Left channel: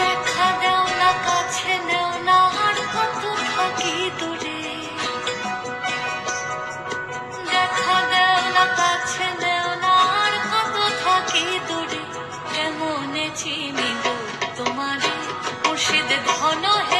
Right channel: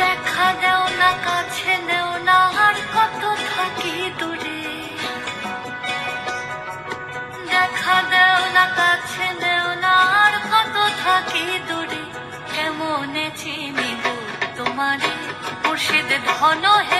দেখা দেও না, কাছে নেও না, আর কত থাকি দূরে। দেখা দেও না, কাছে নেও না, আর কত থাকি দূরে। কেমনে চিনিব তোমারে মুর্শিদ ধন হে